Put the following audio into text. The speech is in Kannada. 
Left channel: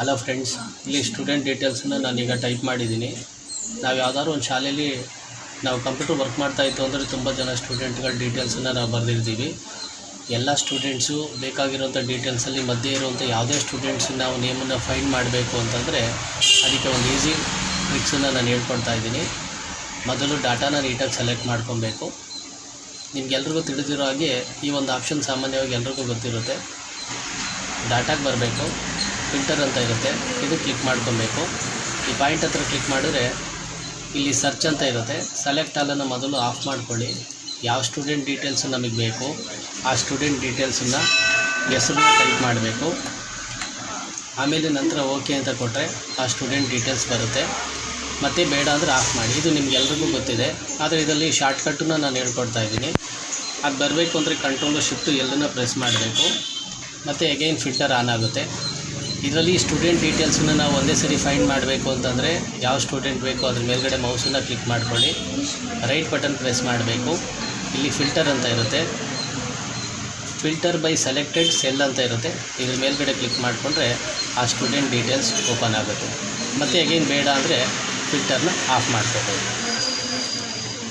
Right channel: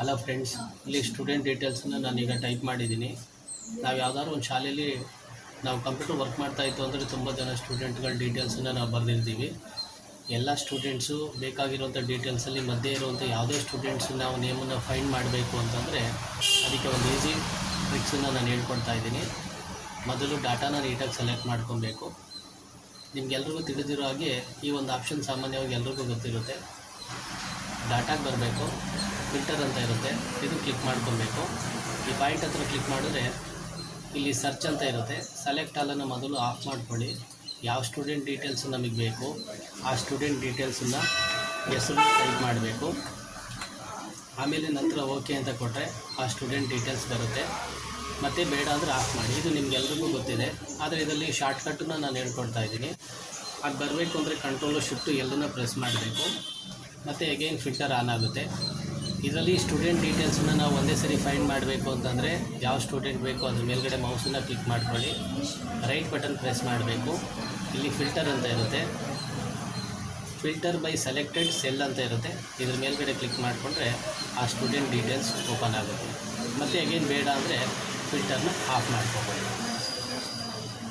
ಹಲೋ ಫ್ರೆಂಡ್ಸ್, ಇಲ್ಲಿ ಸ್ಟೂಡೆಂಟ್ ಡೀಟೇಲ್ಸನ್ನು ನಾನೀಗ ಟೈಪ್ ಮಾಡಿದ್ದೀನಿ. ನಾವು ಯಾವುದಾದ್ರು ಒಂದು ಶಾಲೆಯಲ್ಲಿ ನಾವು ಕಂಪ್ಯೂಟರ್ ವರ್ಕ್ ಮಾಡ್ತಾಯಿತ್ತು ಅಂದರೆ ತುಂಬ ಜನ ಸ್ಟೂಡೆಂಟ್ಗಳ ಡೀಟೇಲ್ಸನ್ನು ನಾವು ಬರೆದಿರ್ತೀವಿ. ಎಲ್ಲ ಸ್ಟೂಡೆಂಟ್ಸು ಬೇಕಾಗಿರೋಂಥ ಡೀಟೇಲ್ಸಲ್ಲಿ ಮಧ್ಯೆ ಇರುವಂಥ ಯಾವುದೇ ಸ್ಟೂಡೆಂಟ್ಸು ನಾವು ನೇಮನ್ನು ಫೈಂಡ್ ಮಾಡಬೇಕು ಅಂತಂದರೆ ಅದಕ್ಕೆ ಒಂದು ಈಸಿ ಟ್ರಿಕ್ಸನ್ನು ನಾನು ಹೇಳ್ಕೊಡ್ತಾ ಇದ್ದೀನಿ. ಮೊದಲು ಡಾಟಾನ ನೀಟಾಗಿ ಸೆಲೆಕ್ಟ್ ಮಾಡ್ಕೊಬೇಕು. ನಿಮಗೆಲ್ರಿಗೂ ತಿಳಿದಿರೋ ಹಾಗೆ ಈ ಒಂದು ಆಪ್ಷನ್ ಸಾಮಾನ್ಯವಾಗಿ ಎಲ್ರಿಗೂ ಗೊತ್ತಿರುತ್ತೆ. ಡಾಟಾಗೆ ಬರಬೇಕು, ಫಿಲ್ಟರ್ ಅಂತ ಇರುತ್ತೆ, ಇದು ಕ್ಲಿಕ್ ಮಾಡ್ಕೊಬೇಕು. ಈ ಪಾಯಿಂಟ್ ಹತ್ರ ಕ್ಲಿಕ್ ಮಾಡಿದ್ರೆ ಇಲ್ಲಿ ಸರ್ಚ್ ಅಂತ ಇರುತ್ತೆ. ಸೆಲೆಕ್ಟ್ ಆಲನ್ನು ಮೊದಲು ಆಫ್ ಮಾಡ್ಕೊಳ್ಳಿ. ಯಾವ ಸ್ಟೂಡೆಂಟ್ ಡೀಟೇಲ್ಸು ನಮಗೆ ಬೇಕು ಆ ಸ್ಟೂಡೆಂಟ್ ಡೀಟೇಲ್ಸನ್ನು ಹೆಸರನ್ನ ಟೈಪ್ ಮಾಡಬೇಕು. ಆಮೇಲೆ ನಂತರ ಓಕೆ ಅಂತ ಕೊಟ್ಟರೆ ಆ ಸ್ಟೂಡೆಂಟ್ ಡೀಟೇಲ್ಸ್ ಬರುತ್ತೆ. ಮತ್ತು ಬೇಡ ಅಂದರೆ ಆಫ್ ಮಾಡಿ. ಇದು ನಿಮಗೆಲ್ರಿಗೂ ಗೊತ್ತಿದೆ, ಆದರೆ ಇದರಲ್ಲಿ ಶಾರ್ಟ್ಕಟ್ಟನ್ನು ನಾನು ಹೇಳ್ಕೊಡ್ತಾ ಇದ್ದೀನಿ. ಅದು ಬರಬೇಕು ಅಂದರೆ ಕಂಟ್ರೋಲು ಶಿಫ್ಟು ಎಲ್ಲನ್ನು ಪ್ರೆಸ್ ಮಾಡಬೇಕು. ಮತ್ತು ಅಗೈನ್ ಫಿಲ್ಟರ್ ಆನ್ ಆಗುತ್ತೆ. ಇದರಲ್ಲಿ ಸ್ಟೂಡೆಂಟ್ ಡೀಟೇಲ್ಸನ್ನು ನಾವು ಒಂದೇ ಸರಿ ಫೈಂಡ್ ಮಾಡಬೇಕು ಅಂತಂದರೆ ಯಾವ ಸ್ಟೂಡೆಂಟ್ ಬೇಕು ಅದ್ರ ಮೇಲ್ಗಡೆ ಮೌಸನ್ನು ಕ್ಲಿಕ್ ಮಾಡ್ಕೊಳ್ಳಿ, ರೈಟ್ ಬಟನ್ ಪ್ರೆಸ್ ಮಾಡಬೇಕು. ಇಲ್ಲಿ ಫಿಲ್ಟರ್ ಅಂತ ಇರುತ್ತೆ, ಫಿಲ್ಟರ್ ಬೈ ಸೆಲೆಕ್ಟೆಡ್ ಸೆಲ್ ಅಂತ ಇರುತ್ತೆ. ಇದ್ರ ಮೇಲ್ಗಡೆ ಕ್ಲಿಕ್ ಮಾಡಿಕೊಂಡ್ರೆ ಆ ಸ್ಟೂಡೆಂಟ್ ಡೀಟೇಲ್ಸ್ ಓಪನ್ ಆಗುತ್ತೆ. ಮತ್ತು ಅಗೈನ್ ಬೇಡ ಅಂದರೆ ಫಿಲ್ಟರ್ನ ಆಫ್ ಮಾಡ್ಕೋಬೋದು.